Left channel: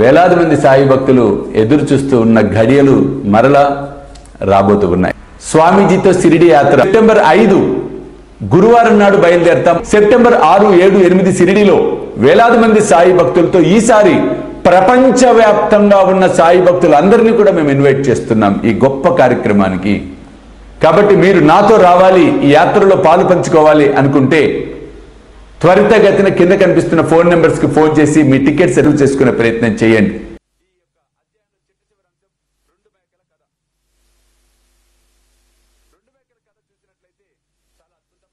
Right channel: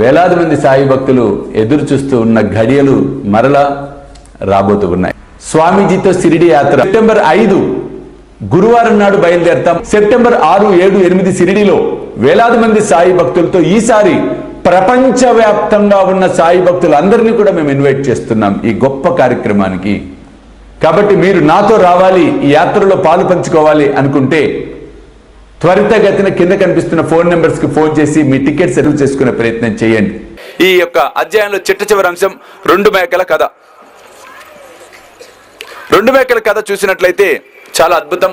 వేలాది మంది సాయి భక్తులు ఎదురు చూస్తూ ఉన్న ఘడియలు మరలా రాబోతూ ఉన్నాయి. స్వామీజీతో షిరిడి యాత్ర సెప్టెంబర్ 5 గురువారం నాడు బయలుదేరతాం. సెప్టెంబర్ 6, 7, 8 షిరిడిలో వేలాది మంది సాయి భక్తులతో ఈసారి ప్రపంచవ్యాప్తంగా ఉన్న సాయి భక్తులందరినీ కూడా మేము ఇన్వైట్ చేస్తున్నాం ఈ గొప్ప కార్యక్రమానికి. కాబట్టి మీరు నాతో రావాలి, ఈ యాత్రలో పాలు పంచుకోవాలి అనుకుంటే త్వరితగతిన కింద కనిపిస్తున్న ఫోన్ నెంబర్స్ కి ఫోన్ చేసి మీ టికెట్ సెటిల్ చేసుకునే ప్రయత్నం చేయండి. ఈ యొక్క అధ్యాయంలో చిట్ట చివరి అంశం 2 మేకల కథ. 2 మేకల కథ చూసినట్లయితే చాలా అద్భుతం.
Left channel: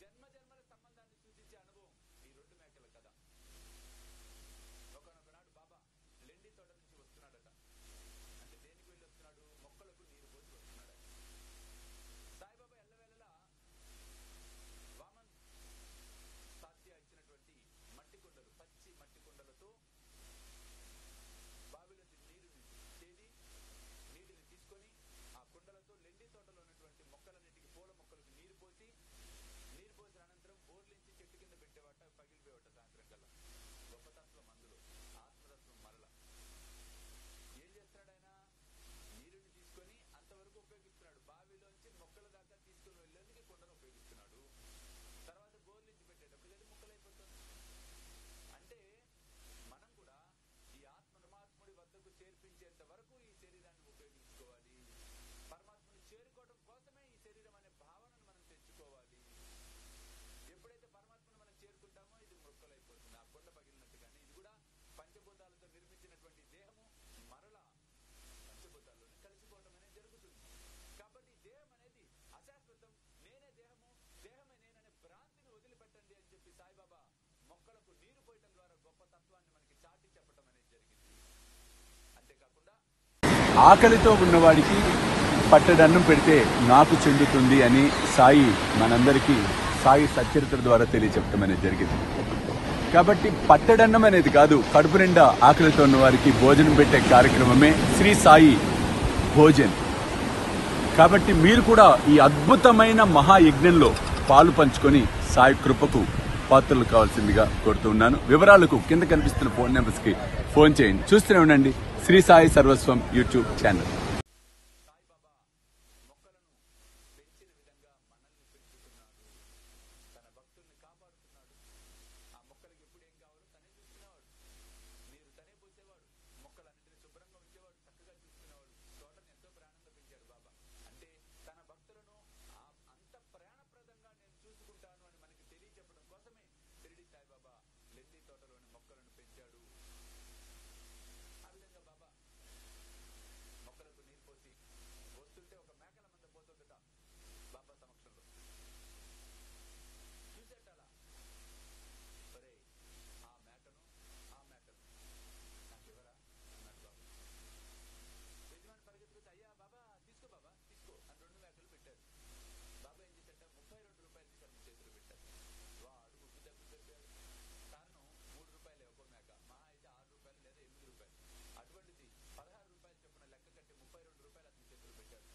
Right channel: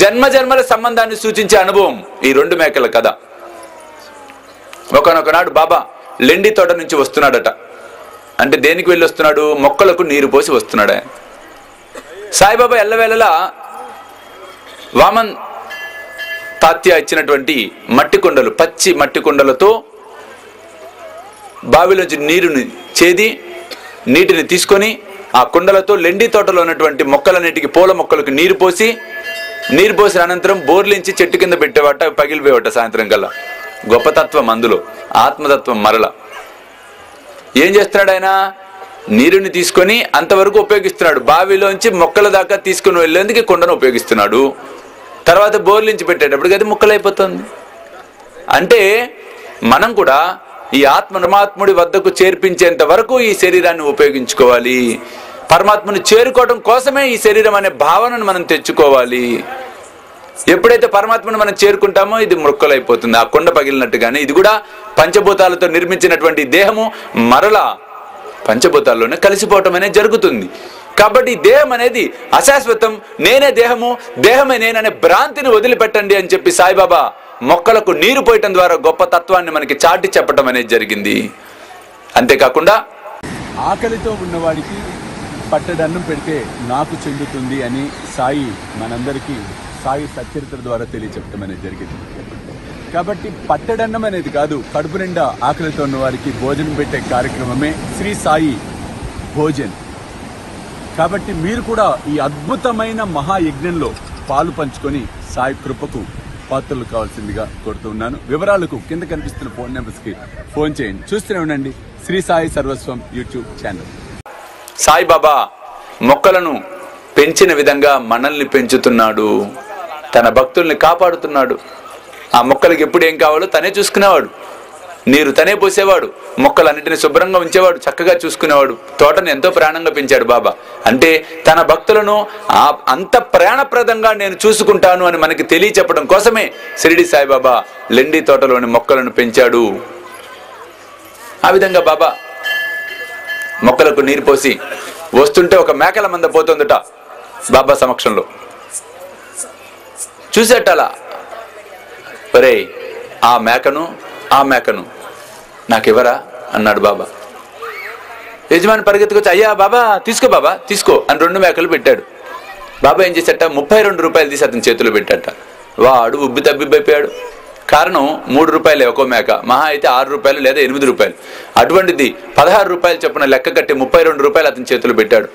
జన్మ జన్మల సంబంధాన్ని సూచించే అనుభవం ఈ 2 మేకల కథ. ఒకనొకనాడు బాబా లెండి తోట నుంచి వస్తున్నాడట. అంటే దేనికి వెళ్ళి వస్తున్నాడు? మొక్కలకు నీరు పోసి వస్తున్నాడు. సాయిబాబా ఎల్లవేళలా వామన్ తాత్య ఇచ్చినటువంటి మట్టి కుండలు, పచ్చి మట్టి కుండలతో బావిలోంచి నీరుని చేది నీటిని తీసుకొని ఆ కుండలతో లెండి తోటలో ఉన్నటువంటి మొక్కలన్నిటికీ, పూల మొక్కలకు నీరు పోసిన అనంతరం బోర్లించి చెట్టు కింద పెట్టేవాట, పగిలిపోయేవాట సాయంత్రం కల్లా. గొప్పతత్వం అందులో, ఆత్మతత్వం మరల. ఏం చేస్తున్నాడు ఆయన? నీరుని తీసుకొని అంతవరకు ఉపయోగిస్తున్నాడు. బావిలోంచి మొక్కల దాకా తీసుకుని వెళ్ళేందుకు కుండను ఉపయోగిస్తున్నాడు. తర్వాత బోర్లించి పెట్టేటప్పటికి అది ముక్కలైపోతుంది. అంటే మనం కూడా ఈ ఆత్మ పరమాత్ముడి వద్దకు చేర్పించేంత వరకు ఈ శరీరాన్ని ఉపయోగించుకోవాలి. పరమాత్మను చేరుకోవడం కోసమే ఈ శరీరం అనే భావనను మనం తెచ్చుకోవాలి. ఎప్పుడైతే పరమాత్మను మనం చేరుకుంటామో ఇది ముక్కలైపోతుంది, ఆ కుండ పగిలినట్టుగానే. ఇది కూడా పంచభూతాలతో నిర్మించినటువంటి దేహము మరలా పంచభూతాల్లోనే కలిసిపోవటం అనేది జరుగుతుంది. కాబట్టి దేహం అనేది అశాశ్వతం, నేనే దేహము, దేహమే నేననే భ్రాంతిని వదిలిపెట్టండి అని చెప్పి సాయిబాబా మొక్కలకు నీరు పోయటం ద్వారా గొప్ప తత్వాన్ని మనకి చాటి చెప్పటం అనేది జరిగింది. అంతేకాకుండా ఆకలితో ఉన్నవాడికి పట్టడన్నం పెడితే నాకు చెందుతుంది అని సాయి మనందరికీ సాయి సచరిత్ర ద్వారా తెలియచెప్పటం అనేది జరిగింది. కాబట్టి పట్టడన్నం అనేది కాదు, కడుపు నిండా ఆకలితో ఉన్న వారికి భోజనం పెట్టే కార్యక్రమమే శ్రీ సాయి భోజన్. కాబట్టి మీరు కూడా ఈ అద్భుతమైన మహాయజ్ఞంలో పాలు పంచుకొని సాయి కృపకు పాత్రలు కావాల్సిందిగా కోరుతున్నాను. వివరాలకు కింద కనిపిస్తున్న ఫోన్ నెంబర్స్ కి ఫోన్ చేయండి. చూస్తూనే ఉండండి శ్రీ సాయి సర్వస్వం యూట్యూబ్ ఛానల్. సాయిబాబా మొక్కలను పెంచిన విధంగా మనల్ని పెంచుతున్నాడు, తన భక్తుల్ని కాపాడుతున్నాడు. ఆ మొక్కలకి ఎప్పుడు ఏం కావాలో తనే చూసుకునేవాడు. నీరు తనే పోసేవాడు, మొక్కలన్నింటినీ శుభ్రంగా ఉంచేవాడు, చక్కగా చూసుకునేవాడు. తోటను ఎంతో ప్రాణంగా పెంచాడు బాబా. అంటే తన భక్తులను అంత ప్రాణప్రదంగా నేను చూసుకుంటాను అని మనకి తెలియచెప్పడం కోసమే షిరిడి సాయిబాబా లెండి తోటలోని మొక్కలను పెంచాడు. ఆ విధంగా బాబా మొక్కలకు నీరు పోసి వస్తుంటే ఒక మేకల మంద పోతుందట బాబా సమక్షంలో. చూసేటలా, ఒరే ఆ మేకను నాకెవరా అన్నాడు బాబా. యజమాని పరిగెత్తుకొచ్చి, అయ్యా బాబా తీసుకో బాబా తీసుకో అని 2 మేకలు పెట్టాడు. బాబా ఏం చేశాట? 32 రూపాయలు తీసి అతని చేతిలో పెట్టాట. వాడు ఉబ్బి తబ్బిబ్బైపోయాడు. కారణం 3 రూపాయలే ఒక్కో మేక, మహా అయితే 6 రూపాయలు లేదా 8 రూపాయలు. అటువంటిది 16 రూపాయలు చొప్పున లెక్క కట్టి 32 రూపాయలు అతని చేతిలో పెట్టాడు.